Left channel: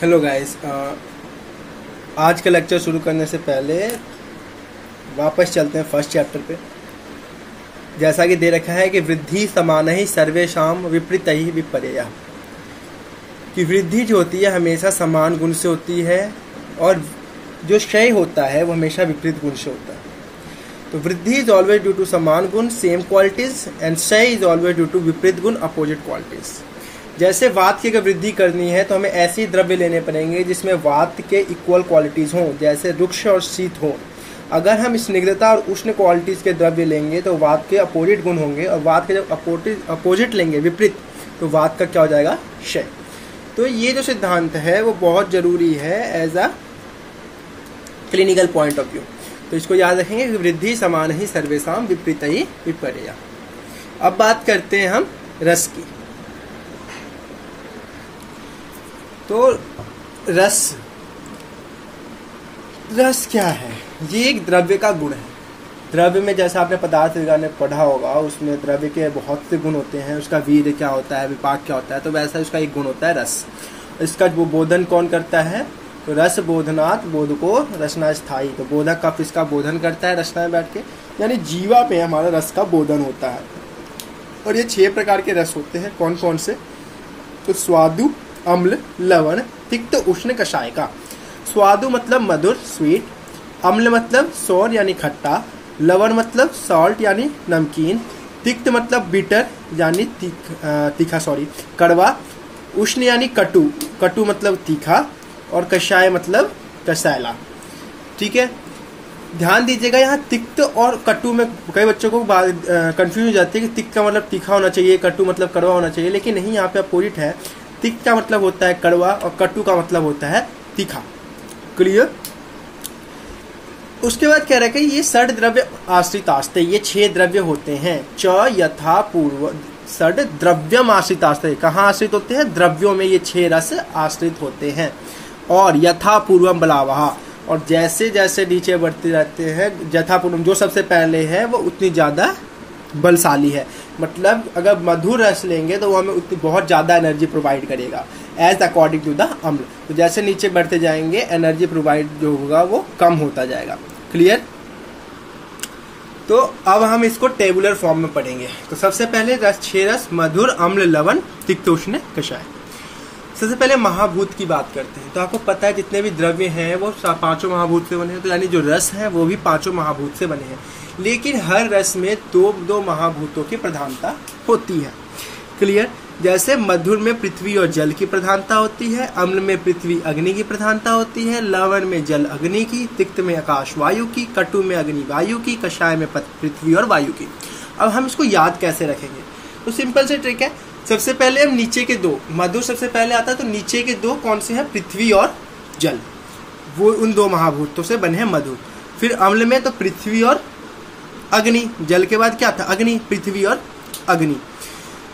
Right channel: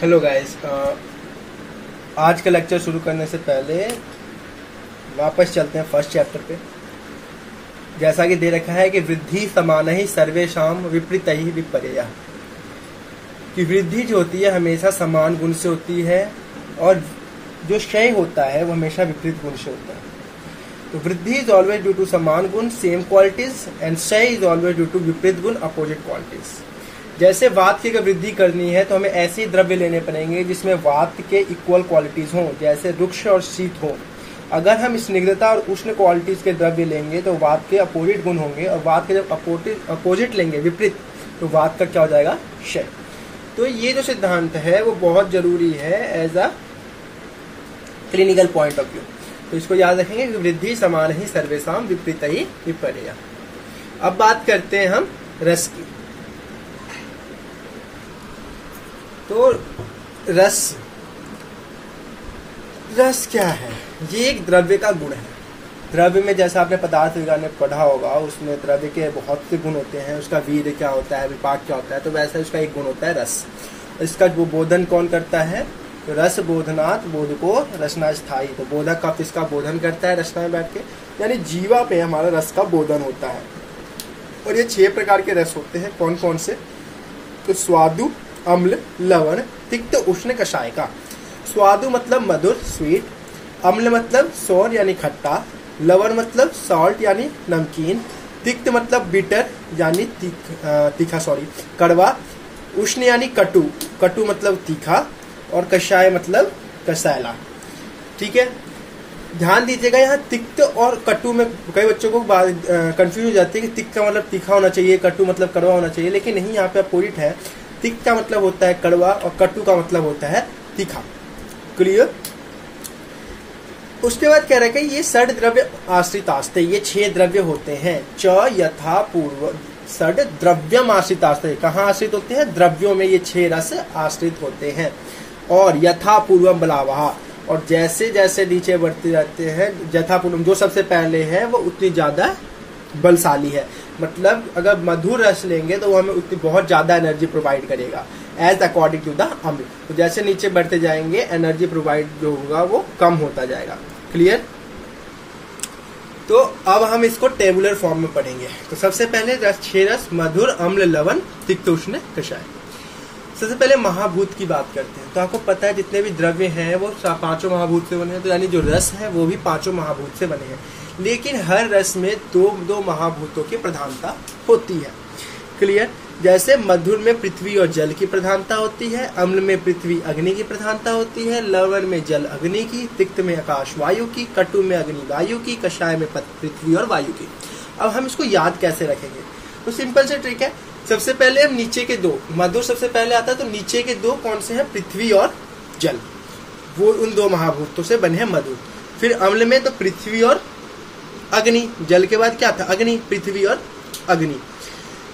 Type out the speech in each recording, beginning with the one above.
Hello guys, आज का lecture शुरू करने से पहले वापस चलते हैं फर्स्ट चैप्टर पे। जैसा कि दे रखा है कि वृद्धि समान ही सर्वेशाम विपरीत ही विपर्या, कि वृद्धि जो होती है हमेशा समान गुण से होती है और जो क्षय होता है वो हमेशा विपरीत गुण से होता है। तो वृद्धि इज ऑलवेज ड्यू टू समान गुण सेम क्वालिटीज एंड क्षय इज ऑलवेज ड्यू टू विपरीत गुण अपोजिट क्वालिटीज। जैसे वात की अगर वृद्धि करनी है तो हमें ऐसे द्रव्य लेने पड़ेंगे जिसमें वात के इक्वल क्वालिटीज हों, जैसे रुक्ष और शीत हो। अगर हम स्निग्धता और उष्ण क्वालिटीज के द्रव्य लेंगे तो वात के अपोजिट गुण होंगे, और वात के जब अपोजिट लेंगे विपरीत तो वात का क्या हो जाएगा, क्षय। तो ये जो सिद्धांत है वो बहुत जरूरी है as a clinical point of view. तो इसको याद रखेंगे, वृद्धि समान ही सर्वेशाम विपरीत ही विपर्या। अब बात करते हैं हम रस की। तो रस क्या है? ये एक द्रव्य का गुण है। द्रव्य में जैसा आपने पदार्थ विज्ञान में पढ़ा होगा, उसमें द्रव्य के बहुत से गुण होते हैं। उसका वीर्य क्या होता है, विपाक क्या होता है, तो वैसा उसका एक गुण होता है रस। इसका वो बोधन कौन करता है? तो रस बोधनात् बोधको रसना स्थायी। तो बोधक का इसका बोधन करता है रसना में बैठ के, यानी जीवा पे हमारा रस का बोधन होता है। और ये 6 प्रकार के रस होते हैं। कौन कौन से? तो स्वादु, अम्ल, लवण, तिक्त, उष्ण, कषाय का। स्वादु मतलब मधुर स्वीट, अम्ल मतलब सौर यानी खट्टा, लवण मतलब सॉल्ट यानी नमकीन, तिक्त मतलब बिटर यानी तीखा कड़वा, उष्ण यानी कटु, कटु मतलब तीखा, और कषाय मतलब कसैला। ठीक है, ध्यान दीजिएगा यहाँ तिक्त और कटु में कई बच्चों को कंफ्यूज हो जाती है कि तिक्त का मतलब तीखा होना चाहिए, कटु मतलब कड़वा होना चाहिए, लेकिन नहीं, यहाँ पे अपोजिट है। तिक्त का मतलब होता है कड़वा और कटु का मतलब होता है तीखा। क्लियर? उसके बाद कह रहा है कि ये षड द्रव्य आश्रित आस्ते, ये 6 द्रव्य होते हैं। च यथा पूर्व षड द्रव्यम आश्रित आस्ते। कहाँ आश्रित होते हैं? द्रव्यों में ये 6 रस आश्रित होते हैं। और यथा पूर्वम बलावहा, और जैसे जैसे नीचे बढ़ते रहते हैं, यथा पूर्वम जो सबसे पहले है वो उतनी ज्यादा बलशाली है। मतलब अगर मधुर रस लेंगे तो वो हमें उतनी बहुत ज्यादा एनर्जी प्रोवाइड करेगा एज अकॉर्डिंग टू द अम्ल। तो जैसे नीचे बढ़ते जाएंगे एनर्जी प्रोवाइड जो होगा वो कम होता जाएगा। क्लियर? तो अब हम इसको टेबुलर फॉर्म में पढ़ेंगे। तो सबसे पहले 6 रस मधुर, अम्ल, लवण, तिक्त, उष्ण, कषाय। सबसे पहले महाभूत की बात करते हैं। तो आपको पता है जितने भी द्रव्य हैं वो 5 महाभूत से बने हैं। तो यानी जो रस है वो भी 5 महाभूत से बने हैं। लेकिन हर रस में 2 महाभूतों की प्रधानता होती है। क्लियर? जैसे मधुर में पृथ्वी और जल की प्रधानता होती है, अम्ल में पृथ्वी अग्नि की प्रधानता होती है, लवण में जल अग्नि की, तिक्त में आकाश वायु की, कटु में अग्नि वायु की, कषाय में पृथ्वी और वायु की। अब हम इसको याद कैसे रखेंगे? तो सिंपल से ट्रिक है। सबसे पहले हम नीचे के 2, मधुर सबसे पहले आता है, तो नीचे के 2 कौन से हैं? पृथ्वी और जल। वो उन 2 महाभूतों से बने हैं मधुर। फिर अम्ल में तो पृथ्वी और अग्नि, जल के बाद क्या था? अग्नि, पृथ्वी और अग्नि।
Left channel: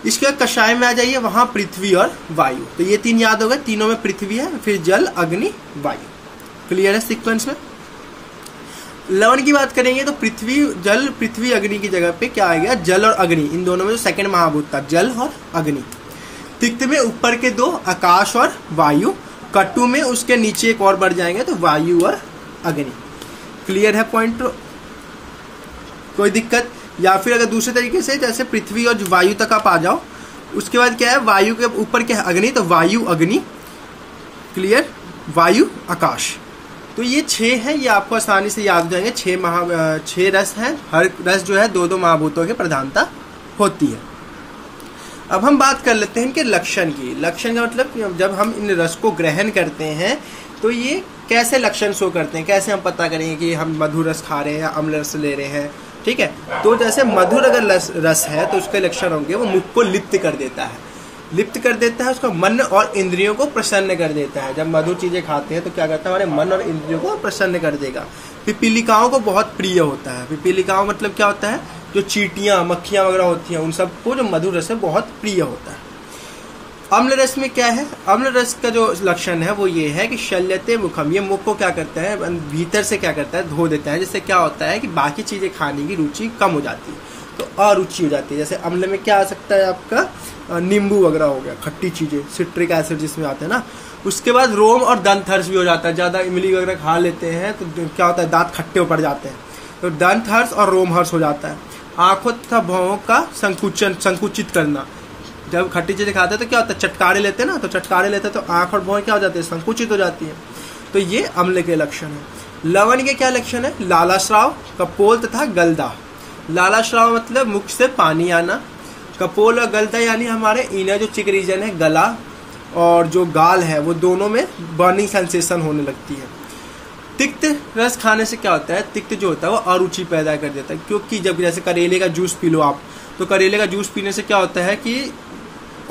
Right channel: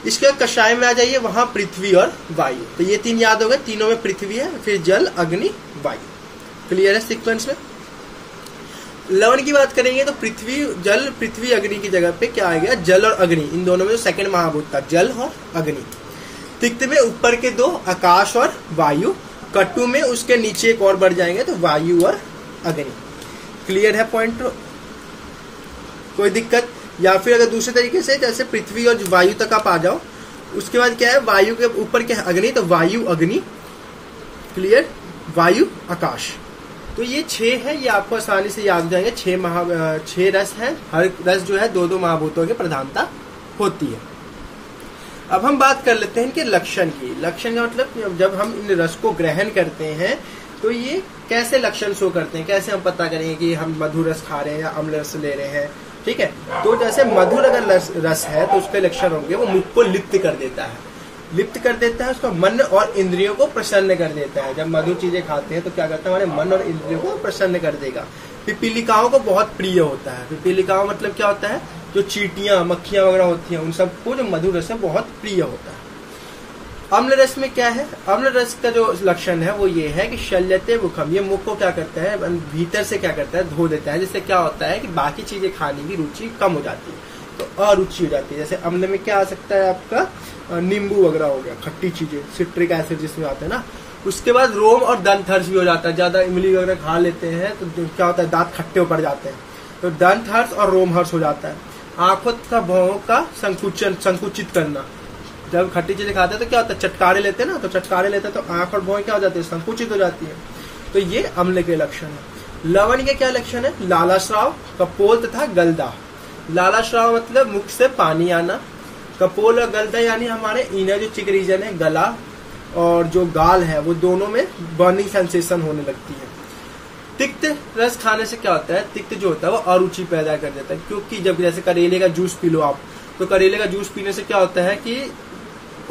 इसके बाद कषाय में आ जाइए, वहां पृथ्वी और वायु। तो ये 3 याद हो गए, तीनों में पृथ्वी है, फिर जल, अग्नि, वायु। क्लियर है सीक्वेंस में? लवण की बात करेंगे तो पृथ्वी, जल, पृथ्वी, अग्नि की जगह पे क्या आ गया? जल और अग्नि। इन दोनों में जो सेकंड महाभूत था, जल और अग्नि। तिक्त में ऊपर के 2 आकाश और वायु। कटु में उसके नीचे एक और बढ़ जाएंगे तो वायु और अग्नि। क्लियर है पॉइंट? कोई दिक्कत? या फिर अगर दूसरे तरीके से, जैसे पृथ्वी और वायु तक आप आ जाओ, उसके बाद क्या है? वायु के ऊपर क्या है? अग्नि, तो वायु अग्नि। क्लियर? वायु आकाश। तो ये 6 है, ये आपको आसानी से याद हो जाएंगे। 6 रस है। हर रस जो है 2 महाभूतों की प्रधानता होती है। अब हम बात कर लेते हैं इनके लक्षण की। लक्षण का मतलब जब हम इन रस को ग्रहण करते हैं तो ये कैसे लक्षण शो करते हैं, कैसे हम पता करेंगे कि हम मधुर रस खा रहे हैं या अम्ल रस ले रहे हैं। ठीक है, तो जैसे मधुर अगर रस है तो उसके लक्षण होंगे, वो मुख को लिप्त कर देता है, लिप्त कर देता है, उसका मन और इंद्रियों को प्रसन्न कर देता है। जब मधुर चीजें खाते हैं तो क्या करता है? हमारे मन और इंद्रियों को प्रसन्न कर देगा। पिपीलिकाओं को बहुत प्रिय होता है। पिपीलिकाओं मतलब क्या होता है? जो चींटियां, मक्खियां वगैरह होती हैं, उन सबको जो मधुर रस है बहुत प्रिय होता है। अम्ल रस में क्या है? अम्ल रस का जो लक्षण है वो ये है कि शल्यते मुखम, ये मुख को क्या करता है? भीतर से क्या करता है? धो देता है। जिससे क्या होता है कि बाकी चीजें खाने की रुचि कम हो जाती है, तो अरुचि हो जाती है। जैसे अम्ल में क्या आ सकता है? आपका नींबू वगैरह हो गया, खट्टी चीजें, सिट्रिक एसिड जिसमें आते हैं ना, उसके बाद रोम और दंत हर्ष भी हो जाता है। ज्यादा इमली वगैरह खा लेते हैं तो क्या होता है, दांत खट्टे पड़ जाते हैं, तो दंत हर्ष और रोम हर्ष हो जाता है। आंखों तथा भौहों का संकुचित करना, जब खट्टी चीजें खाते हैं तो क्या होता है, चटकारे लेते हैं ना, तो चटकारे लेते हैं तो आंख और भौहें क्या हो जाती है, संकुचित हो जाती है। तो ये अम्ल के लक्षण है। लवण के क्या लक्षण है, लालाश्राव, कपोल तथा गलदा। लालाश्राव मतलब मुख से पानी आना, कपोल और गलदा यानी हमारे इनर जो चिक रीजन है, गला और जो गाल है, वो दोनों में बर्निंग सेंसेशन होने लगती है। तिक्त रस खाने से क्या होता है, तिक्त जो होता है वो अरुचि पैदा कर देता है, क्योंकि जब जैसे करेले का जूस पी लो आप, तो करेले का जूस पीने से क्या होता है कि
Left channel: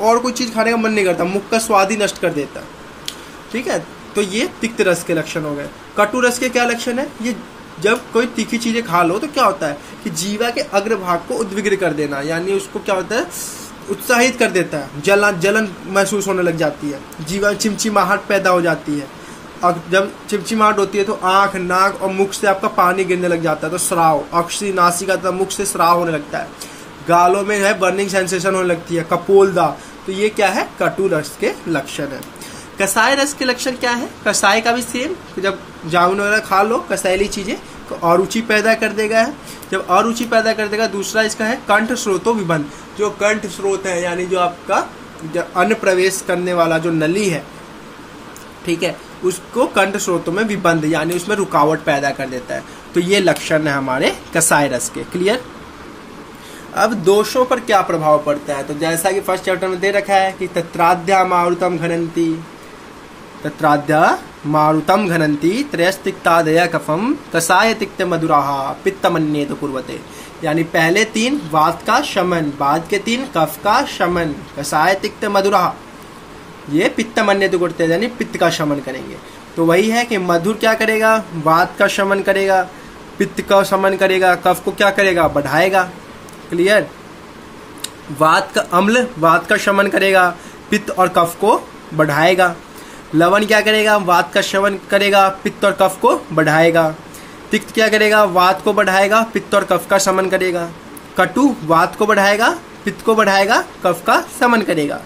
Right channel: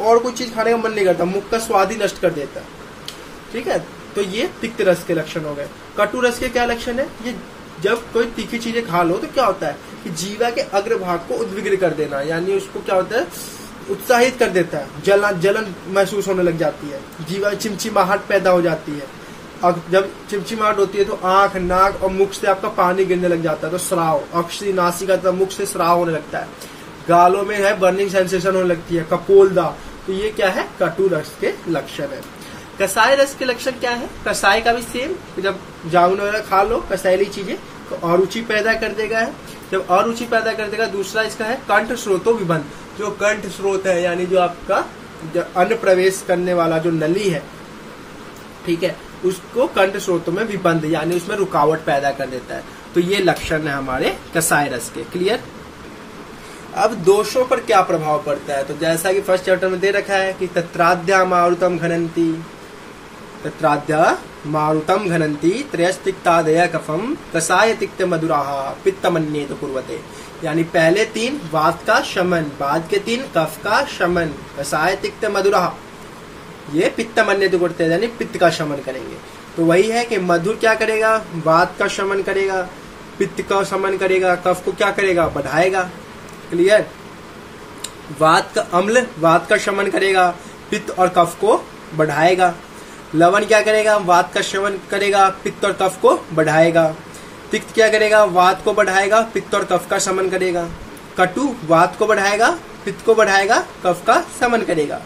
और कोई चीज खाने का मन नहीं करता, मुख का स्वाद ही नष्ट कर देता है। ठीक है, तो ये तिक्त रस के लक्षण हो गए। कटु रस के क्या लक्षण है, ये जब कोई तीखी चीजें खा लो तो क्या होता है कि जीवा के अग्रभाग को उद्विग्न कर देना, यानी उसको क्या होता है, उत्साहित कर देता है, जलन महसूस होने लग जाती है, जीवा चिमचिमाहट पैदा हो जाती है। और जब चिमचिमाहट होती है तो आंख, नाक और मुख से आपका पानी गिरने लग जाता है, तो स्राव, अक्षी, नासिका तथा मुख से स्राव होने लगता है। गालों में है बर्निंग सेंसेशन होने लगती है, कपोलदा। तो ये क्या है, कटु रस के लक्षण है। कसाय रस के लक्षण क्या है, कसाय का भी सेम, जब जामुन वगैरह खा लो कसायली चीजें तो अरुचि पैदा कर देगा है। जब अरुचि पैदा कर देगा, दूसरा इसका है कंठ स्रोतो विबंध। जो कंठ स्रोत है यानी जो आपका अन्न प्रवेश करने वाला जो नली है, ठीक है, उसको कंठ स्रोतों में विबंध यानी उसमें रुकावट पैदा कर देता है। तो ये लक्षण है हमारे कसाय रस के। क्लियर। अब दोषों पर क्या प्रभाव पड़ता है, तो जैसा कि फर्स्ट चैप्टर में दे रखा है कि तत्राद्या मारुतम घनंती, तत्राद्या मारुतम घनंती त्रयस्तिक्तादय कफम कसाय तिक्त मधुराः पित्तमन्येत कुर्वते। यानी पहले 3 वात का शमन, बाद के 3 कफ का शमन, कसाय तिक्त मधुराः, ये पित्तमन्येत कुर्वते यानी पित्त का शमन करेंगे। तो वही है कि मधुर क्या करेगा, वात का शमन करेगा, पित्त का शमन करेगा, कफ को क्या करेगा, बढ़ाएगा। क्लियर। वात का अम्ल वात का शमन करेगा, पित्त और कफ को बढ़ाएगा। लवण क्या करेगा, वात का शमन करेगा, पित्त और कफ को बढ़ाएगा। तिक्त क्या करेगा, वात को बढ़ाएगा, पित्त और कफ का शमन करेगा। कटु वात को बढ़ाएगा, पित्त को बढ़ाएगा, कफ का शमन करेगा।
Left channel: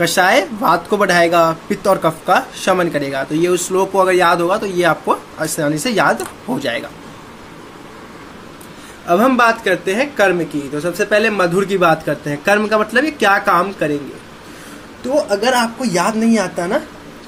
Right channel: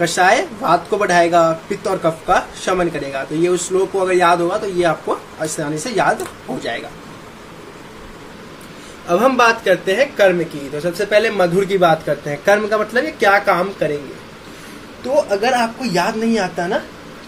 कषाय वात को बढ़ाएगा, पित्त और कफ का शमन करेगा। तो ये उस श्लोक को अगर याद होगा तो ये आपको आसानी से याद हो जाएगा। अब हम बात करते हैं कर्म की। तो सबसे पहले मधुर की बात करते हैं। कर्म का मतलब ये क्या काम करेंगे। तो अगर आपको याद नहीं आता ना,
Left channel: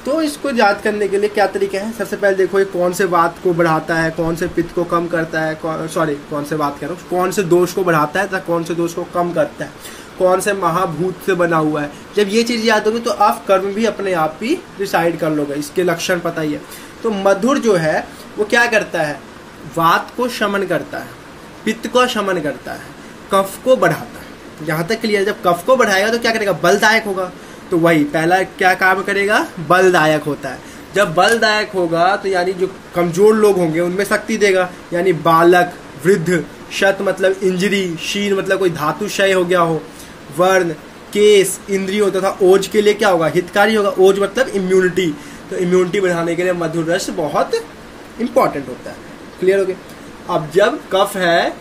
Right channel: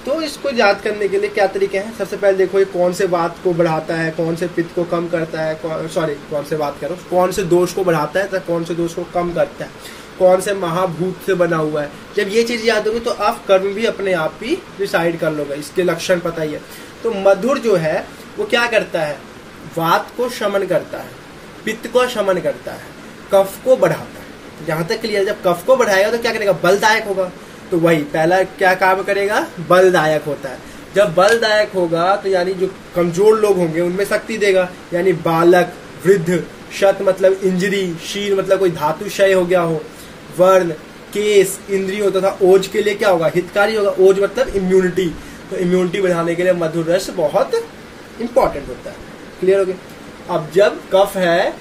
तो इसको याद करने के लिए क्या तरीके हैं। सबसे पहले देखो ये कौन से वात को बढ़ाता है, कौन से पित्त को कम करता है, कौन से बात करो, कौन से दोष को बढ़ाता है तथा कौन से दोष को कम करता है, कौन से महाभूत से बना हुआ है। जब ये चीज याद होगी तो आप कर्म भी अपने आप ही डिसाइड कर लोगे, इसके लक्षण पता ही है। तो मधुर जो है वो क्या करता है, वात को शमन करता है, पित्त को शमन करता है, कफ को बढ़ाता है। जहां तक क्लियर। जब कफ को बढ़ाएगा तो क्या करेगा, बलदायक होगा। तो वही पहला क्या काम करेगा, बलदायक होता है। जब बलदायक होगा तो यानी जो कमजोर लोग होंगे उनमें शक्ति देगा, यानी बालक, वृद्ध, शत मतलब इंजरी, शीर मतलब कोई धातु क्षय हो गया हो, वर्ण, केस, इंद्रियों तथा ओज के लिए क्या होगा, हितकारी होगा। ओज मतलब इम्यूनिटी, तो इम्यूनिटी बढ़ाने के लिए मधुर रस बहुत इंपॉर्टेंट होता है। क्लियर हो गया। अब जब कफ है,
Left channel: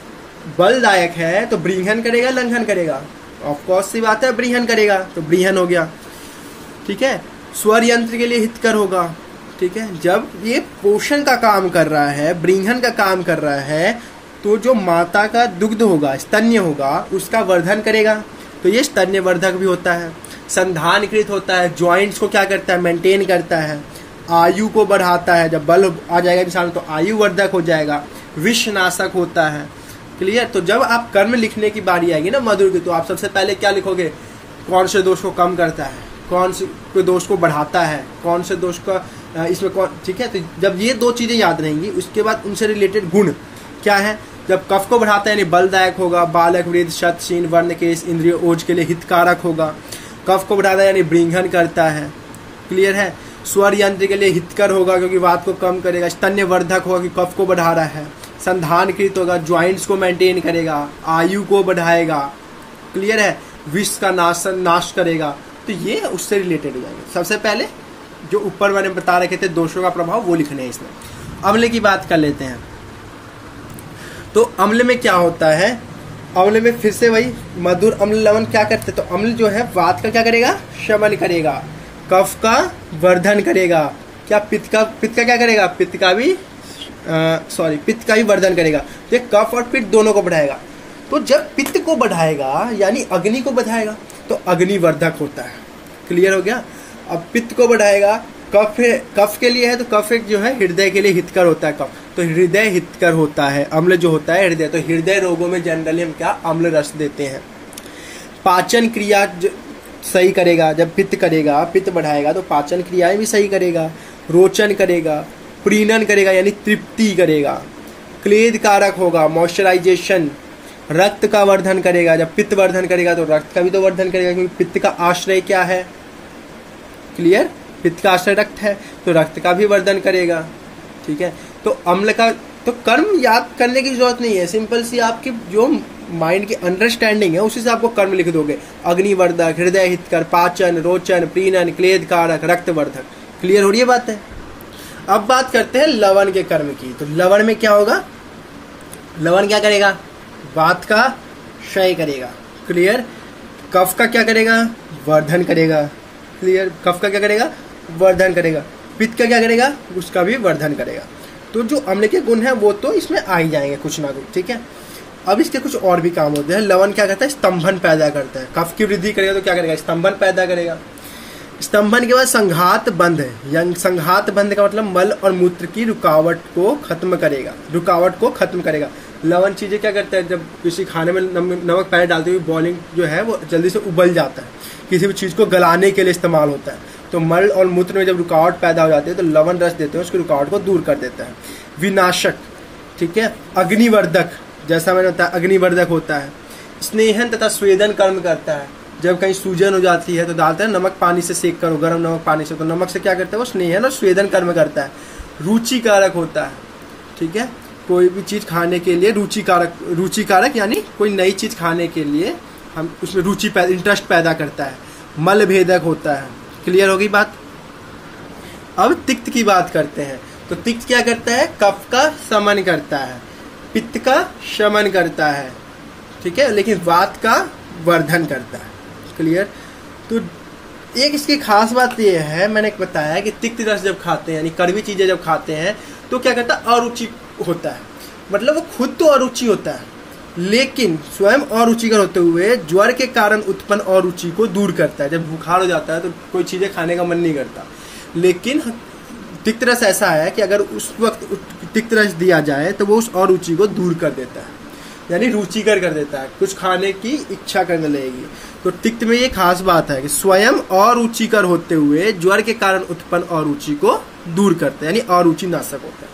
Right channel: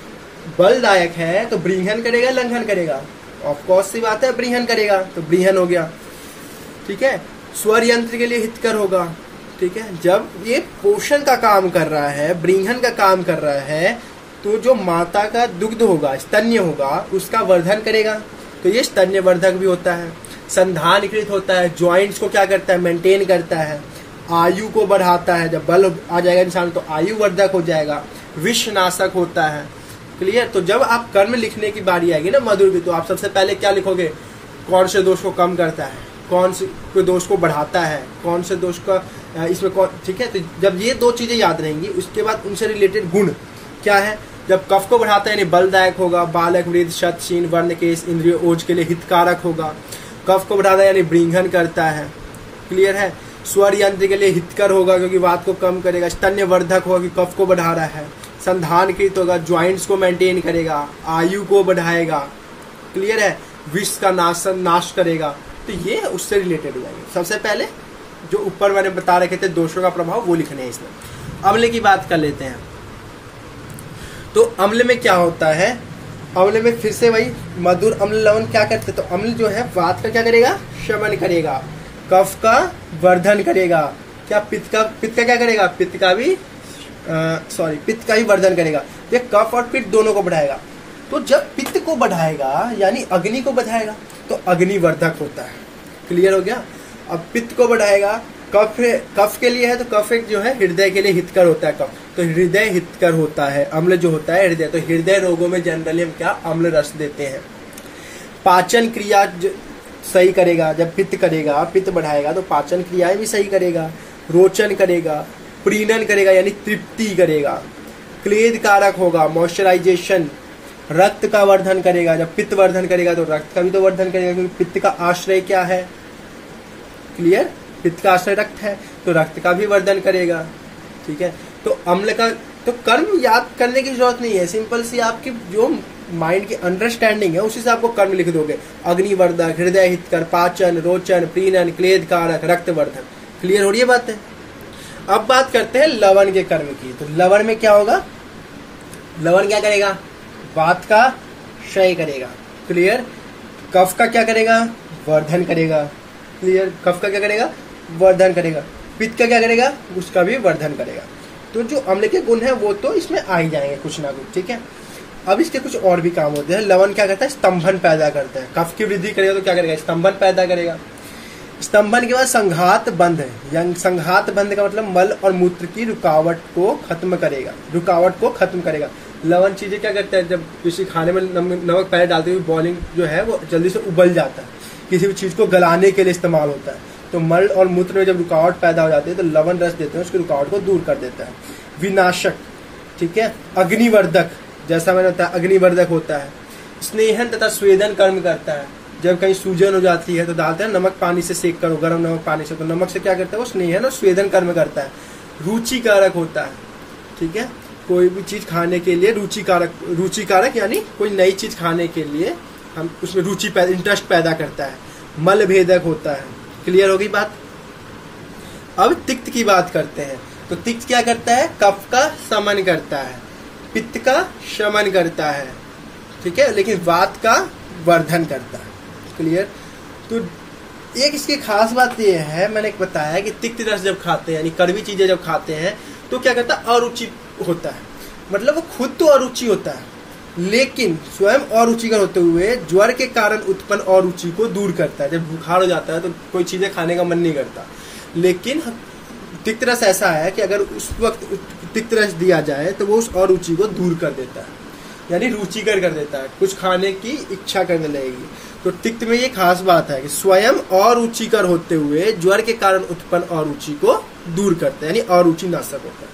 बलदायक है, तो ब्रीहन करेगा, लंघन करेगा। ऑफकोर्स सी बात है, ब्रीहन करेगा, तो ब्रीहन हो गया। ठीक है। स्वर यंत्र के लिए हितकर होगा। ठीक है। जब ये पोषण का काम कर रहा है, ब्रीहन का काम कर रहा है, तो जो माता का दुग्ध होगा, स्तन्य होगा, उसका वर्धन करेगा। तो ये स्तन्य वर्धक भी होता है। संधानकृत होता है, ज्वाइंट्स को क्या करता है, मेंटेन करता है। आयु को बढ़ाता है, जब बल आ जाएगा इंसान तो आयु वर्धक हो जाएगा। विषनाशक होता है। क्लियर। तो जब आप कर्म लिखने की बारी आएगी ना मधुर की, तो आप सबसे पहले क्या लिखोगे, कौन से दोष को कम करता है, कौन से दोष को बढ़ाता है, कौन से दोष का इसमें कौन। ठीक है। तो जब ये 2 चीजें याद रहेंगी, उसके बाद उनसे रिलेटेड गुण क्या है। जब कफ को बढ़ाता है यानी बलदायक होगा, बालक, वृद्ध, शत, शीन, वर्ण, केस, इंद्रिय, ओज के लिए हितकारक होगा। कफ को बढ़ाता है यानी ब्रीहन करता है। क्लियर है। स्वर यंत्र के लिए हितकर होगा क्योंकि वात को कम करेगा। स्तन्य वर्धक होगा कि कफ को बढ़ा रहा है। संधानकृत होगा, ज्वाइंट्स को मेंटेन करेगा, आयु को बढ़ाएगा। क्लियर है। विष का नाश करेगा। तो ये उससे रिलेटेड हो जाएंगे। सबसे पहले जो ऊपर मैंने बता रखे थे दोषों का प्रभाव, वो लिखने हैं इसमें। अम्ल की बात कर लेते हैं। तो अम्ल में क्या होता है, अम्ल में फिर से वही मधुर, अम्ल, लवण क्या करते हैं। तो अम्ल जो है वात का क्या करेगा, शमन करेगा, कफ का वर्धन करेगा। क्या पित्त का क्या करेगा? पित्त का भी वर्धन करेगा। तो कफ और पित्त दोनों को बढ़ाएगा। तो जब पित्त को बढ़ाएगा यानी अग्नि को बढ़ाएगा तो अग्निवर्धक होता है। क्लियर हो गया? अब पित्त को बढ़ाएगा, कफ के लिए है तो कफ एक जो है हृदय के लिए हितकर होता है। कफ तो हृदय हितकर होता है। अम्ल जो होता है हृदय, तो हृदय रोगों में जनरली हम क्या अम्ल रस देते हैं। पाचन क्रिया सही करेगा। जब पित्त करेगा, पित्त बढ़ाएगा तो पाचन क्रियाएं भी सही करेगा। रोचन करेगा, प्रीणन करेगा यानी तृप्ति करेगा। क्लेद कारक होगा, मॉइस्चराइजेशन। रक्त का वर्धन करेगा। जब पित्त वर्धन करेगा तो रक्त का भी तो वर्धन करेगा, क्योंकि पित्त का आश्रय क्या है? क्लियर? पित्त का आश्रय रक्त है, तो रक्त का भी वर्धन करेगा। ठीक है, तो अम्ल का तो कर्म याद करने की जरूरत नहीं है। सिंपल सी आपकी जो माइंड की अंडरस्टैंडिंग है उसी से आपको कर्म लिख दोगे। अग्निवर्धक, हृदय हितकर, पाचन, रोचन, प्रीणन, क्लेद कारक, रक्तवर्धक। क्लियर हो रही है बात है? अब बात करते हैं लवण के कर्म की। तो लवण में क्या होगा? लवण क्या करेगा? वात का क्षय करेगा। क्लियर? कफ का क्या करेगा? वर्धन करेगा। क्लियर? कफ का क्या करेगा? वर्धन करेगा। पित्त का क्या करेगा? उसका भी वर्धन करेगा। तो जो अम्ल के गुण है वो तो इसमें आ ही जाएंगे कुछ ना कुछ। ठीक है, अब इसके कुछ और भी काम होते हैं। लवण क्या करता है? स्तंभन पैदा करता है। कफ की वृद्धि करेगा तो क्या करेगा? स्तंभन पैदा करेगा। स्तंभन के बाद संघात बंध है। संघात बंध का मतलब मल और मूत्र की रुकावट को खत्म करेगा। लवण चीजें क्या करता है? जब किसी खाने में नमक पहले डालते हुए बॉइलिंग जो है वो जल्दी से उबल जाता है, किसी भी चीज को गलाने के लिए इस्तेमाल होता है। तो मल और मूत्र में जब रुकावट पैदा हो जाती है तो लवण रस देते हैं, उसकी रुकावट को दूर कर देता है। विनाशक, ठीक है। अग्निवर्धक, जैसा मैंने बताया अग्निवर्धक होता है। स्नेहन तथा स्वेदन कर्म करता है। जब कहीं सूजन हो जाती है तो डालते हैं नमक पानी से सेक करो, गर्म नमक पानी से, तो नमक से क्या करता है? वो स्नेहन और स्वेदन कर्म करता है। रुचिकारक होता है। ठीक है, कोई भी चीज खाने के लिए रुचिकारक यानी कोई नई चीज खाने के लिए हम उसमें इंटरेस्ट पैदा करता है। मल भेदक होता है। क्लियर होगी बात? अब तिक्त की बात करते हैं। तो तिक्त क्या करता है? कफ का शमन करता है, पित्त का शमन करता है। ठीक है, लेकिन वात का वर्धन करता है। क्लियर? तो एक इसकी खास बात यह है, मैंने बताया कि तिक्त रस जब खाते हैं यानी कड़वी चीजें जब खाते हैं तो क्या करता है? अरुचि होता है। मतलब वो खुद तो अरुचि होता है लेकिन स्वयं अरुचिकर होते हुए ज्वर के कारण उत्पन्न अरुचि को दूर करता है। जब बुखार हो जाता है तो कोई चीजें खाने का मन नहीं करता, लेकिन तिक्त रस ऐसा है कि अगर उस वक्त तिक्त रस दिया जाए तो वो उस अरुचि को दूर कर देता है, यानी रुचिकर कर देता है, कुछ खाने की इच्छा करने लगेगी। तो तिक्त में ये खास बात है कि स्वयं अरुचिकर होते हुए ज्वर के कारण उत्पन्न अरुचि को दूर करते हैं, यानी अरुचि नाशक होता है।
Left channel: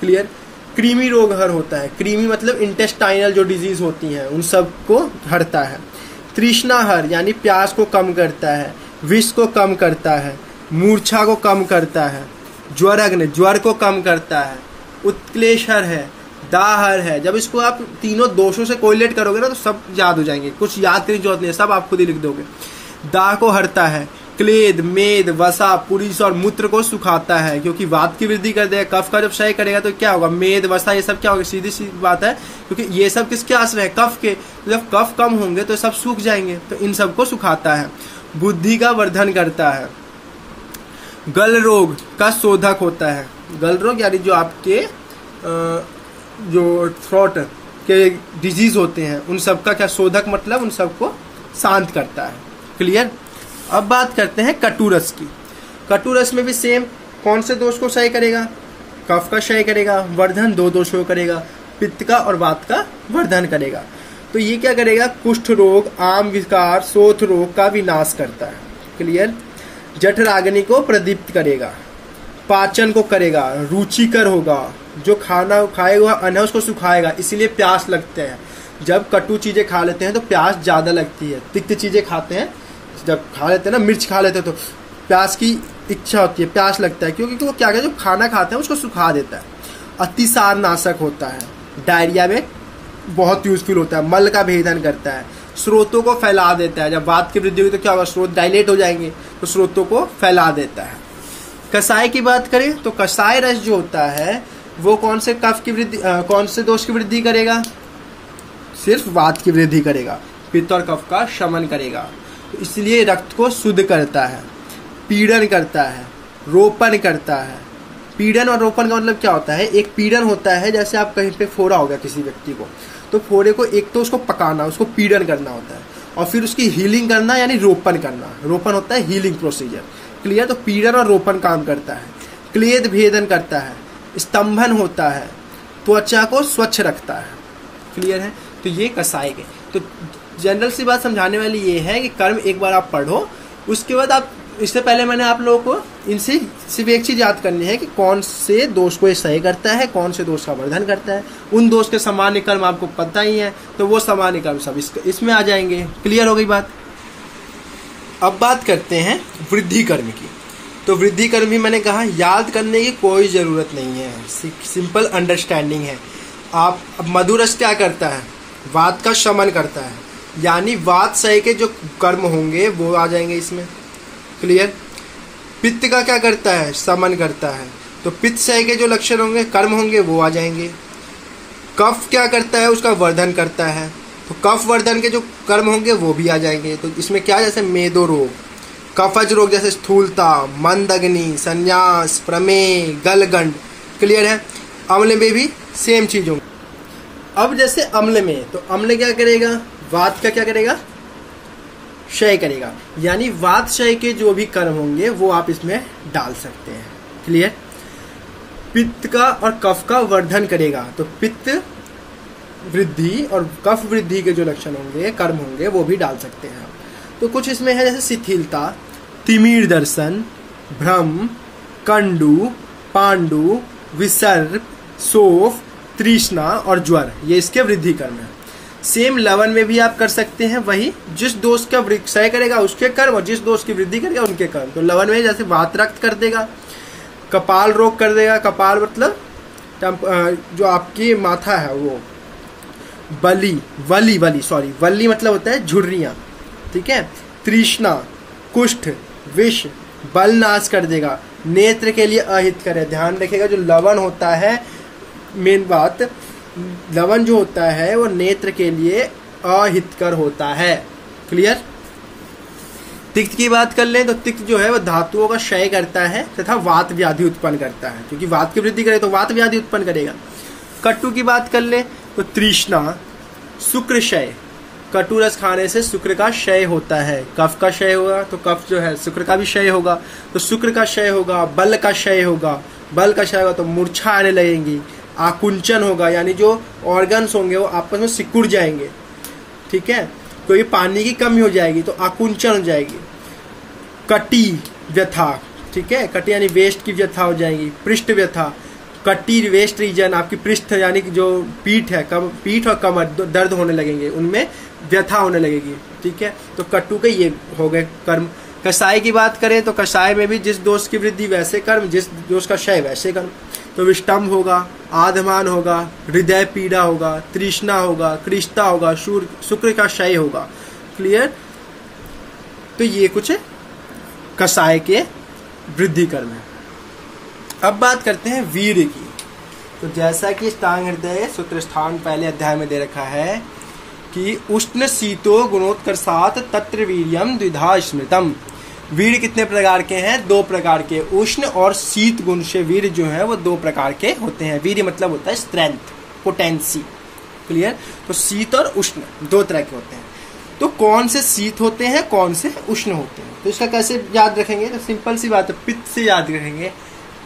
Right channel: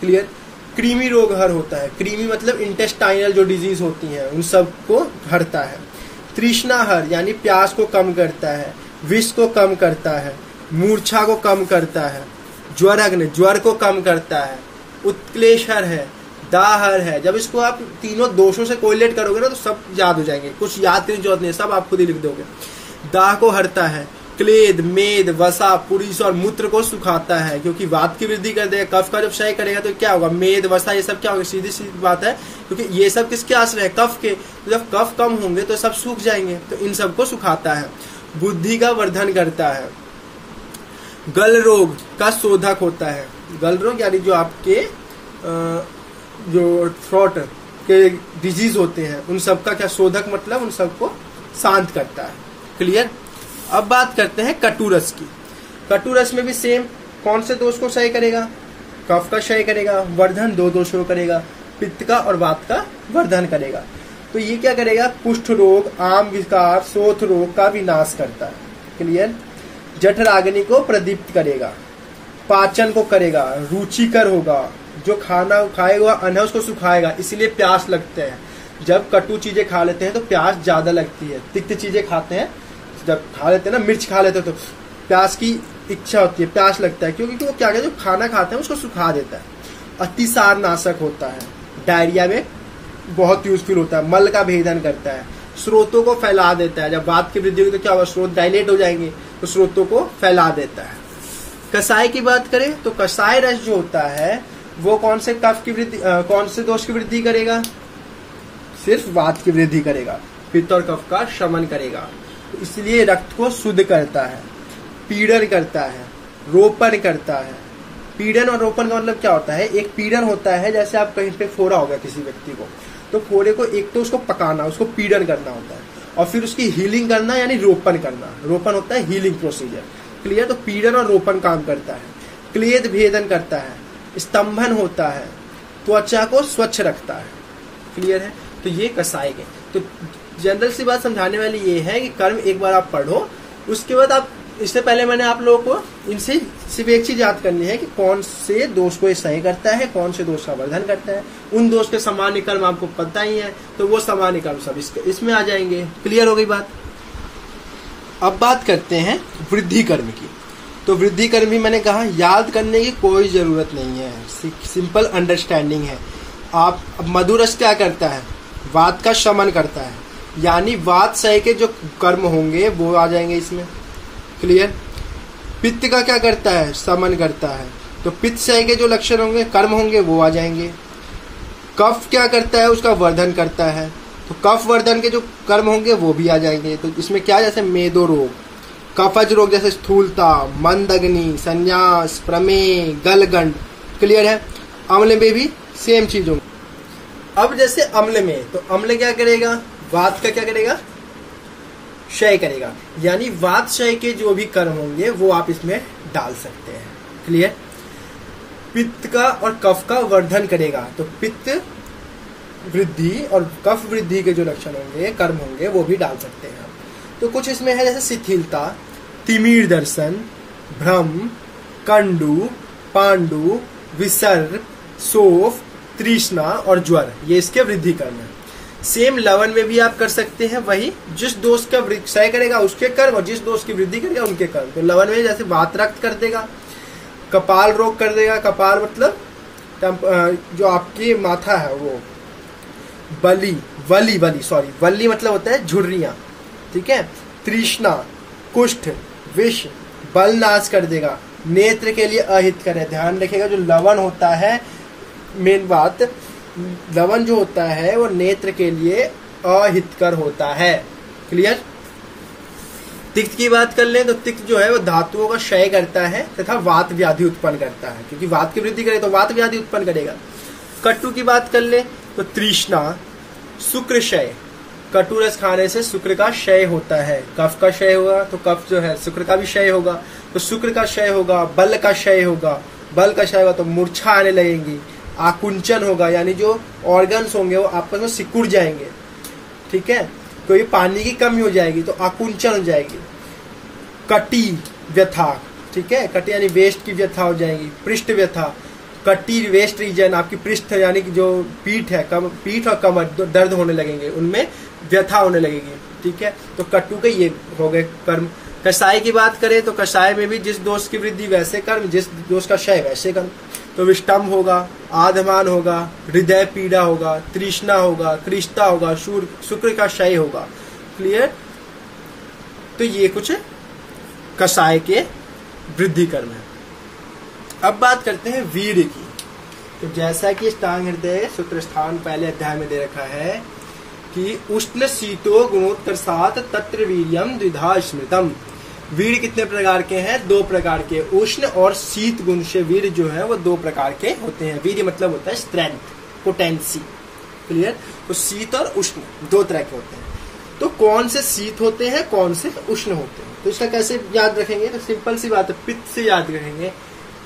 क्लियर? कृमि रोग हर होता है। कृमि मतलब इंटेस्टाइनल जो डिजीज होती हैं उन सब को हरता है। तृष्णा हर यानी प्यास को कम करता है, विष को कम करता है, मूर्छा को कम करता है, ज्वरग्न ज्वर को कम करता है। उत्क्लेशहर है, दाहर है। जब इसको आप तीनों दोषों से कोरिलेट करोगे ना तो सब याद हो जाएंगे, कुछ याद करने की जरूरत नहीं, सब आप खुद ही लिख दोगे। दाह को हरता है। क्लेद, मेद, वसा, पुरीस और मूत्र को सुखाता है, क्योंकि वात की वृद्धि कर देगा। कफ का जब क्षय करेगा तो क्या होगा? मेद, वसा ये सब क्या होगा? सीधी सी बात है, क्योंकि ये सब किसके आश्रय है? कफ के। जब कफ कम होंगे तो सब सूख जाएंगे, तो इन सब को सुखाता है। बुद्धि का वर्धन करता है। गल रोग का शोधक होता है। गल रोग यानी जो आपके जो थ्रोट के डिजीज होते हैं उन सब का क्या शोधक, मतलब उन सबको शांत करता है। क्लियर? अब बात करते हैं कटुरस की। कटुरस में भी सेम, कौन से दोष को क्षय करेगा? कफ का क्षय करेगा। वर्धन दो दोषों को करेगा, पित्त का और वात का वर्धन करेगा। तो ये क्या करेगा? कुष्ठ रोग, आम विकार, शोथ रोग का विनाश करता है। क्लियर? जठराग्नि को प्रदीप्त करेगा, पाचन को करेगा, रुचिकर होगा, जो खाना खाएगा अन्न उसको सुखाएगा, इसीलिए प्यास लगते हैं। जब कटु चीजें खा लेते हैं तो प्यास ज्यादा लगती है। तिक्त चीजें खाते हैं, जब खा लेते हैं ना, मिर्च खा लेते हैं तो प्यास की इच्छा होती है, प्यास लगता है, क्योंकि वो क्या है, जो खाना खाते हैं उसको सुखा देता है। अतिसार नाशक होता है। डायरिया में बहुत यूजफुल होता है। मल का भेदन करता है। स्रोतों को फैला देता है। जब वात की वृद्धि होगी तो क्या होगा? स्रोत डायलेट हो जाएंगे, तो स्रोतों को फैला देता है। कसाय की बात करें तो कसाय रस जो होता है वो कौन से कफ की वृद्धि, कौन से दोष की वृद्धि करेगा? सिर्फ वात की वृद्धि करेगा, पित्त और कफ का शमन करेगा, तो इसलिए रक्त को शुद्ध करता है। पीड़न करता है, रोपण करता है। पीड़न और रोपण का मतलब क्या होता है? एक पीड़न होता है जैसे आप कहीं पे फोड़ा हो गया किसी व्यक्ति को, तो फोड़े को एक तो उसको पकाना, उसको पीड़न करना होता है, और फिर उसकी हीलिंग करना यानी रोपण करना। रोपण होता है हीलिंग प्रोसीजर, क्लियर। तो पीड़न और रोपण काम करता है। क्लेद भेदन करता है, स्तंभन होता है, त्वचा को स्वच्छ रखता है, क्लियर है। तो ये कसाय के। तो जनरल सी बात समझाने वाली ये है कि कर्म एक बार आप पढ़ो, उसके बाद आप, इससे पहले मैंने आप लोगों को इनसे सिर्फ एक चीज याद करनी है कि कौन से दोष को ये सही करता है, कौन से दोष का वर्धन करता है। उन दोष के सामान्य कर्म आपको पता ही है, तो वो सामान्य कर्म सब इसमें आ जाएंगे। क्लियर हो गई बात। अब बात करते हैं वृद्धि कर्म की। तो वृद्धि कर्म भी मैंने कहा याद करने की कोई जरूरत नहीं है, सिंपल अंडरस्टैंडिंग है। आप मधुरस क्या करता है? वात का शमन करता है, यानी वात सह के जो कर्म होंगे वो आ जाएंगे इसमें, क्लियर। पित्त का क्या करता है? शमन करता है, तो पित्त सह के जो लक्षण होंगे, कर्म होंगे, वो आ जाएंगे। कफ क्या करता है? उसका वर्धन करता है, तो कफ वर्धन के जो कर्म होंगे वो भी आ जाएंगे। तो इसमें क्या, जैसे मेदो रोग, कफज रोग जैसे स्थूलता, मंदग्नि, संन्यास, प्रमेय, गलगंड, क्लियर है। अम्ल में भी सेम चीज होंगी। अब जैसे अम्ल में, तो अम्ल क्या करेगा? वात का क्या करेगा? क्षय करेगा, यानी वात क्षय के जो भी कर्म होंगे वो आप इसमें डाल सकते हैं, क्लियर। पित्त का और कफ का वर्धन करेगा, तो पित्त वृद्धि और कफ वृद्धि के जो लक्षण होंगे, कर्म होंगे, वो भी डाल सकते हैं। तो कुछ इसमें है जैसे शिथिलता, तिमिर दर्शन, भ्रम, कंडू, पांडु, विसर्प, शोफ, तृष्णा और ज्वर, ये इसके वृद्धि कर्म है। सेम लवन में भी आप कर सकते हैं वही, जिस दोष का क्षय करेगा उसके कर्म और जिस दोष की वृद्धि करेगा उनके कर्म। तो लवन में जैसे वात रक्त कर देगा, कपाल रोग कर देगा, कपाल मतलब जो आपकी माथा है वो, वली मतलब होता है झुर्रियां, ठीक है। तृष्णा, कुष्ठ, विष, बल नाश कर देगा, नेत्र के लिए अहित करे। ध्यान रखिएगा जो लवन होता है, मेन बात, लवन जो होता है वो नेत्र के लिए अहितकर होता है, क्लियर। तिक्त की बात कर लें तो तिक्त जो है वो धातुओं का क्षय करता है तथा वात व्याधि उत्पन्न करता है, क्योंकि वात की वृद्धि करे तो वात व्याधि उत्पन्न करेगा। कटु की बात कर लें तो तृष्णा, शुक्र क्षय, कटु रस खाने से शुक्र का क्षय होता है। कफ का क्षय होगा तो कफ जो है शुक्र का भी क्षय होगा, तो शुक्र का क्षय होगा। बल का क्षय होगा, बल का क्षय होगा तो मूर्छा आने लगेंगी। आकुंचन होगा, यानी जो ऑर्गन्स होंगे वो आपस में सिकुड़ जाएंगे, ठीक है। कोई पानी की कमी हो जाएगी तो आकुंचन हो जाएगी। कटी व्यथा, ठीक है, कटी यानी वेस्ट की व्यथा हो जाएगी। पृष्ठ व्यथा, कटी वेस्ट रीजन, आपकी पृष्ठ यानी कि जो पीठ है, पीठ और कमर दर्द होने लगेंगे, उनमें व्यथा होने लगेगी, ठीक है। तो कटु के ये हो गए कर्म। कषाय की बात करें तो कषाय में भी जिस दोष की वृद्धि वैसे कर्म, जिस दोष का क्षय वैसे कर्म। तो विष्टम्भ होगा, आधमान होगा, हृदय पीड़ा होगा, तृष्णा होगा, कृष्टा होगा, शुक्र का क्षय होगा, क्लियर। तो ये कुछ कषाय के वृद्धि कर्म है। अब बात करते हैं वीर की। तो जैसा कि स्थान हृदय शुक्र स्थान पहले अध्याय में दे रखा है कि उष्ण शीतो गुणोत्कर्षात् तत्र वीर्यम द्विधा स्मृतम। वीर कितने प्रकार के हैं? 2 प्रकार के। उष्ण और शीत गुण से वीर जो है वो 2 प्रकार के होते हैं। वीर मतलब होता है स्ट्रेंथ, पोटेंसी, क्लियर। तो शीत और उष्ण 2 तरह के होते हैं। तो कौन से शीत होते हैं, कौन से उष्ण होते हैं, तो इसका कैसे याद रखेंगे? तो सिंपल सी बात है, पित्त से याद रखेंगे।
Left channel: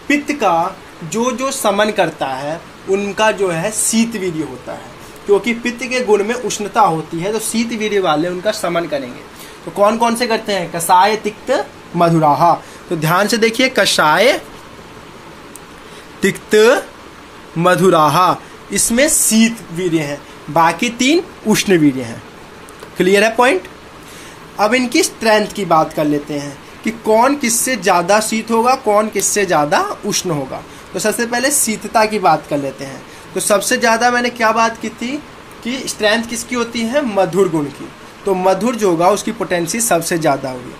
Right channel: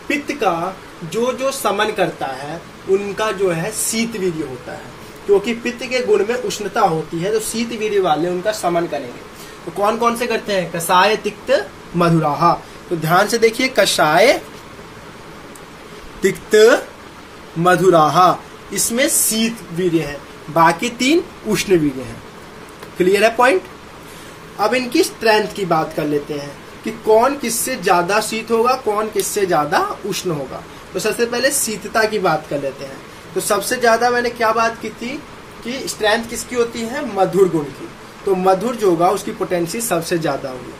पित्त का जो समन करता है उनका जो है शीत वीर्य होता है, क्योंकि पित्त के गुण में उष्णता होती है, तो शीत वीर्य वाले उनका समन करेंगे। तो कौन कौन से करते हैं? कषाय, तिक्त, मधुराहा। तो ध्यान से देखिए, कषाय, तिक्त, मधुराहा, इसमें शीत वीर्य है, बाकी 3 उष्ण वीर्य है, क्लियर है पॉइंट। अब इनकी स्ट्रेंथ की बात कर लेते हैं कि कौन किससे ज्यादा शीत होगा, कौन किससे ज्यादा उष्ण होगा। तो सबसे पहले शीतता की बात कर लेते हैं। तो सबसे ज्यादा मैंने क्या बात की थी कि स्ट्रेंथ किसकी होती है? मधुर गुण की। तो मधुर जो होगा उसकी पोटेंसी सबसे ज्यादा होगी।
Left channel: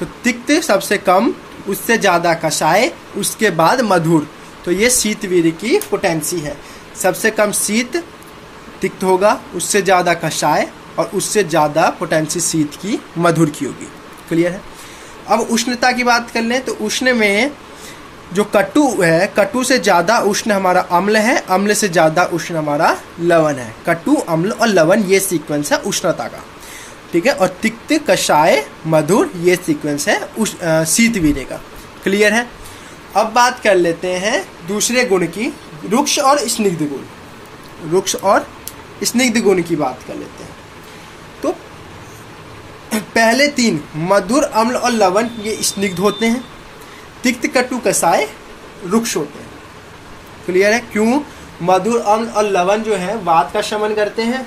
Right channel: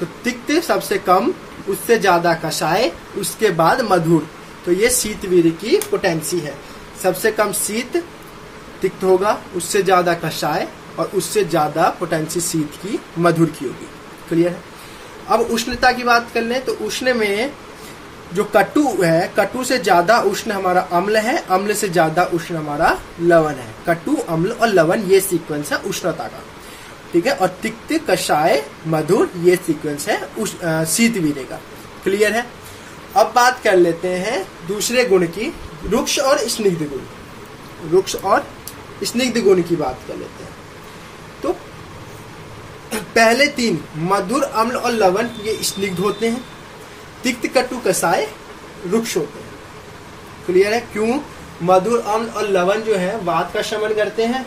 तो तिक्त सबसे कम, उससे ज्यादा कषाय, उसके बाद मधुर। तो ये शीत वीर्य की पोटेंसी है। सबसे कम शीत तिक्त होगा, उससे ज्यादा कषाय और उससे ज्यादा पोटेंसी शीत की मधुर की होगी, क्लियर है। अब उष्णता की बात कर लें तो उष्ण में जो कटु है, कटु से ज्यादा उष्ण हमारा अम्ल है, अम्ल से ज्यादा उष्ण हमारा लवण है। कटु, अम्ल और लवण ये सीक्वेंस है उष्णता का, ठीक है। और तिक्त, कषाय, मधुर ये सीक्वेंस है शीतवीर्य का। क्लियर है। अब बात कर लेते हैं दूसरे गुण की, रुक्ष और स्निग्ध गुण। रुक्ष और स्निग्ध गुण की बात कर लेते हैं। तो पहले तीन मधुर, अम्ल और लवण ये स्निग्ध होते हैं। तिक्त, कटु, कषाय रुक्ष होते हैं। क्लियर है। क्यों? मधुर, अम्ल और लवण जो है वात का शमन करते हैं,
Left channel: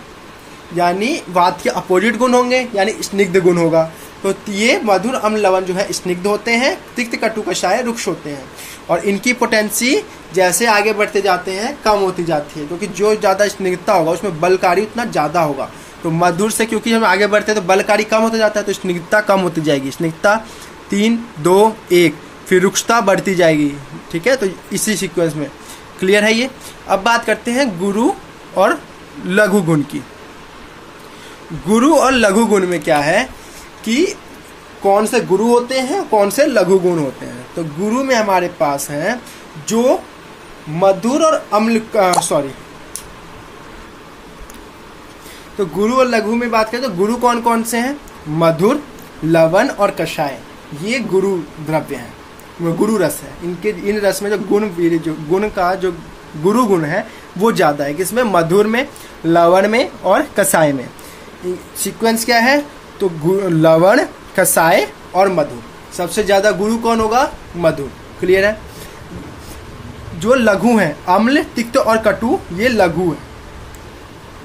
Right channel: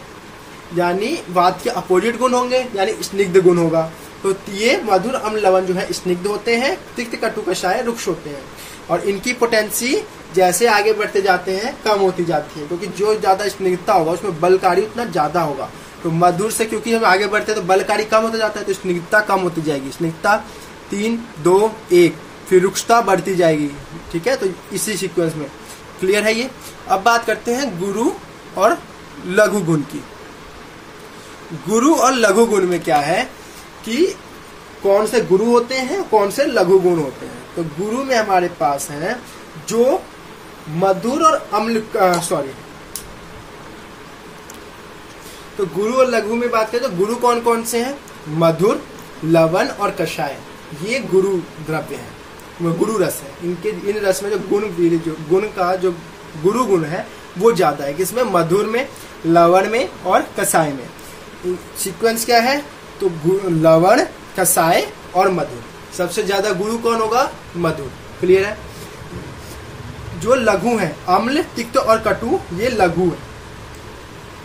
यानी वात के अपोजिट गुण होंगे, यानी स्निग्ध गुण होगा। तो ये मधुर, अम्ल, लवण जो है स्निग्ध होते हैं। तिक्त, कटु, कषाय रुक्ष होते हैं। और इनकी पोटेंसी जैसे आगे बढ़ते जाते हैं कम होती जाती है, क्योंकि जो ज्यादा स्निग्धता होगा उसमें बलकारी उतना ज्यादा होगा। तो मधुर से क्योंकि हम आगे बढ़ते हैं तो बलकारी कम होता जाता है, तो स्निग्धता कम होती जाएगी। स्निग्धता 3, 2, 1, फिर रुक्षता बढ़ती जाएगी, ठीक है। तो इसी सीक्वेंस में क्लियर है ये। अब बात करते हैं गुरु और लघु गुण की। गुरु और लघु गुण में क्या है कि कौन से गुरु होते हैं, कौन से लघु गुण होते हैं। तो गुरु में हमारे पास है जो मधुर और अम्ल, तो गुरु और लघु में बात करें तो गुरु कौन कौन से हैं? मधुर, लवण और कषाय, ये गुरु द्रव्य है, वो गुरु रस है। इनके इन रस में जो गुण का जो गुरु गुण है वो ज्यादा है। किसमें? मधुर में, लवण में और कषाय में। सीक्वेंस क्या है? तो लवण, कषाय और मधुर। सबसे ज्यादा गुरु कौन होगा? मधुर। क्लियर है। जो लघु है, अम्ल, तिक्त और कटु, ये लघु है।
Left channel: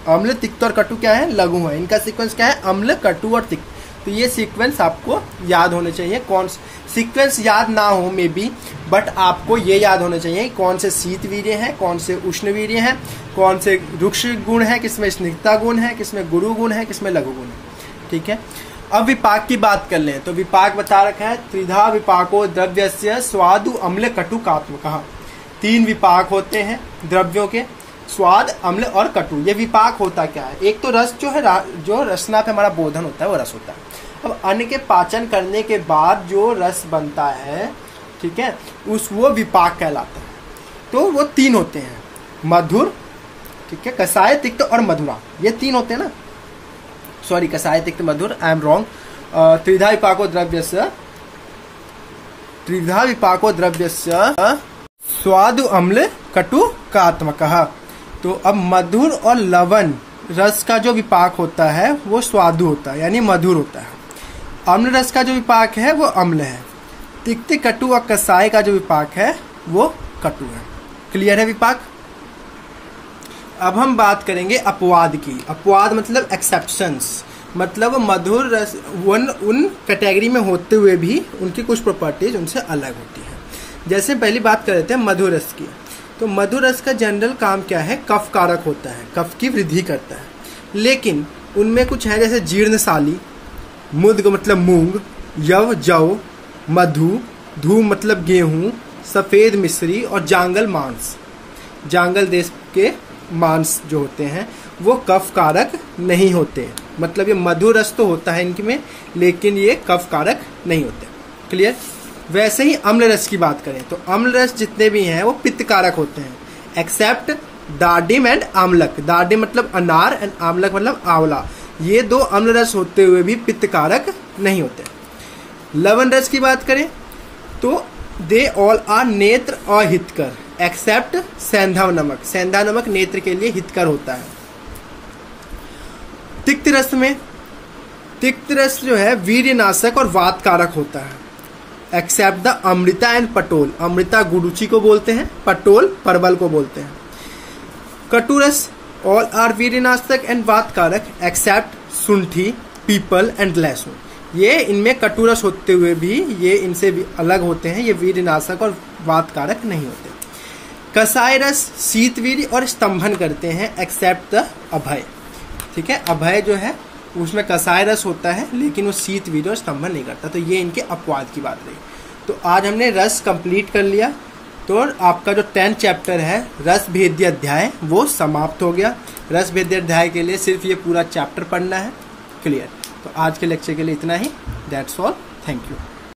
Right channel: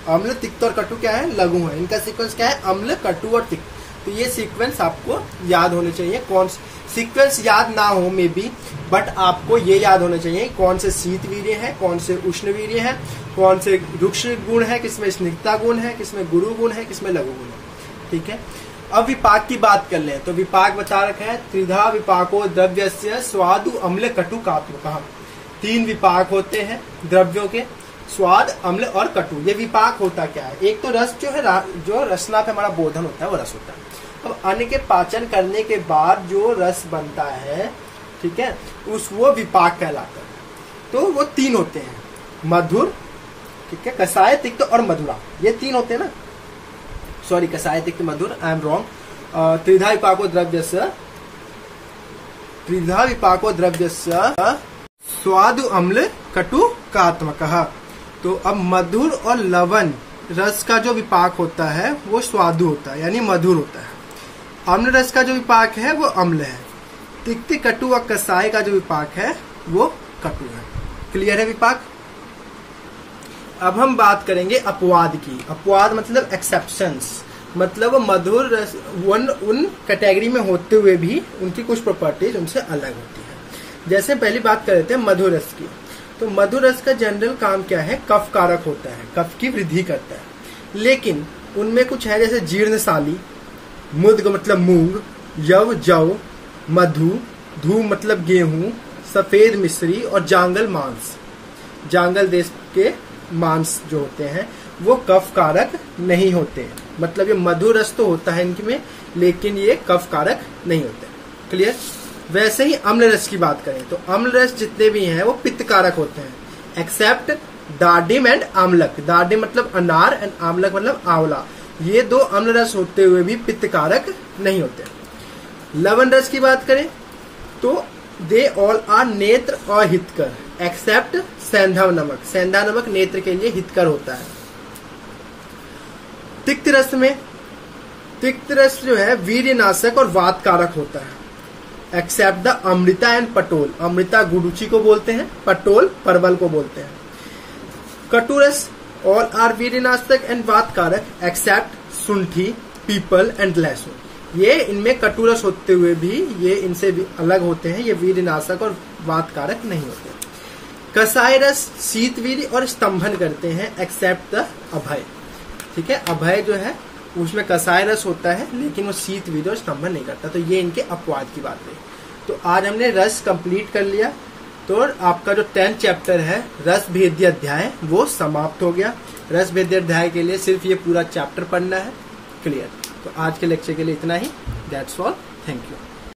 अम्ल, तिक्त और कटु क्या है? लघु है। इनका सीक्वेंस क्या है? अम्ल, कटु और तिक्त। तो ये सीक्वेंस आपको याद होने चाहिए। कौन सीक्वेंस याद ना हो मे बी, बट आपको ये याद होने चाहिए कौन से शीत वीर्य है, कौन से उष्ण वीर्य है, कौन से रुक्ष गुण है, किसमें स्निग्धता गुण है, किसमें गुरु गुण है, किसमें लघु गुण है। ठीक है। अब विपाक की बात कर लें तो विपाक बता रखा है, त्रिधा विपाको द्रव्यस्य स्वादु, अम्ल, कटु, कात्व। कहा 3 विपाक होते हैं द्रव्यों के, स्वाद, अम्ल और कटु। ये विपाक होता क्या है? एक तो रस जो है, जो रसना पे हमारा बोधन होता है वो रस होता है। अब अन्न के पाचन करने के बाद जो रस बनता है, ठीक है, वो विपाक कहलाता है। तो वो 3 होते हैं, मधुर, ठीक है, कषाय, तिक्त और मधुरा। ये 3 होते हैं ना, सॉरी, कषाय, तिक्त, मधुर, आई एम रॉन्ग। त्रिधा विपाको द्रव्यस्य स्वादु, अम्ल, कटु, कात्मकः। तो अब मधुर और लवण रस का जो विपाक होता है वो स्वादु होता है, यानी मधुर होता है। अम्ल रस का जो विपाक है वो अम्ल है। तिक्त, कटु और कषाय का जो विपाक है वो कटु है। क्लियर है विपाक। अब हम बात करेंगे अपवाद की। अपवाद मतलब एक्सेप्शंस, मतलब मधुर रस उन कैटेगरी में होते हुए भी उनकी कुछ प्रॉपर्टीज उनसे अलग होती है। जैसे पहली बात कर लेते हैं मधुर रस की। तो मधुर रस का जनरल काम क्या है? कफ कारक होता है, कफ की वृद्धि करता है। लेकिन उनमें कुछ है जैसे जीर्णशाली, मुद्ग मतलब मूंग, यव जव, मधु, धू मतलब गेहूं, सफेद मिश्री और जांगल मांस। जांगल देश के मांस जो होते हैं वो कफ कारक नहीं होते। मतलब ये मधुर रस तो होता है इनके में, लेकिन ये कफ कारक नहीं होते। क्लियर। वैसे ही अम्ल रस की बात करें तो अम्ल रस जितने भी हैं वो पित्त कारक होते हैं, एक्सेप्ट दार्डिम एंड आमलक। दार्डिम मतलब अनार एंड आमलक मतलब आंवला। ये 2 अम्ल रस होते हुए भी पित्त कारक नहीं होते। लवण रस की बात करें तो दे ऑल आर नेत्र और हितकर, एक्सेप्ट सेंधा नमक। सेंधा नमक नेत्र के लिए हितकर होता है। तिक्त रस में, तिक्त रस जो है वीर्यनाशक और वात कारक होता है, except the Amrita and Patol. अमृता गुडुचि को बोलते हैं, पटोल परवल को बोलते हैं। कटु रस ऑल आर वीर्यनाशक एंड वात कारक एक्सेप्ट शुंठी, पीपल एंड लहसुन। ये इनमें कटु रस होते हुए भी ये इनसे भी अलग होते हैं, ये वीर्यनाशक और वात कारक नहीं होते। कषाय रस शीतवीर्य और स्तंभन करते हैं, एक्सेप्ट द अभय। ठीक है, अभय जो है उसमें कषाय रस होता है लेकिन वो शीतवीर्य और स्तंभन नहीं करता। तो ये इनके अपवाद की बात रही। तो आज हमने रस कंप्लीट कर लिया। तो आपका जो 10th चैप्टर है रस भेद्य अध्याय वो समाप्त हो गया। रस भेद्य अध्याय के लिए सिर्फ ये पूरा चैप्टर पढ़ना है। क्लियर। तो आज के लेक्चर के लिए इतना ही। That's all. Thank you.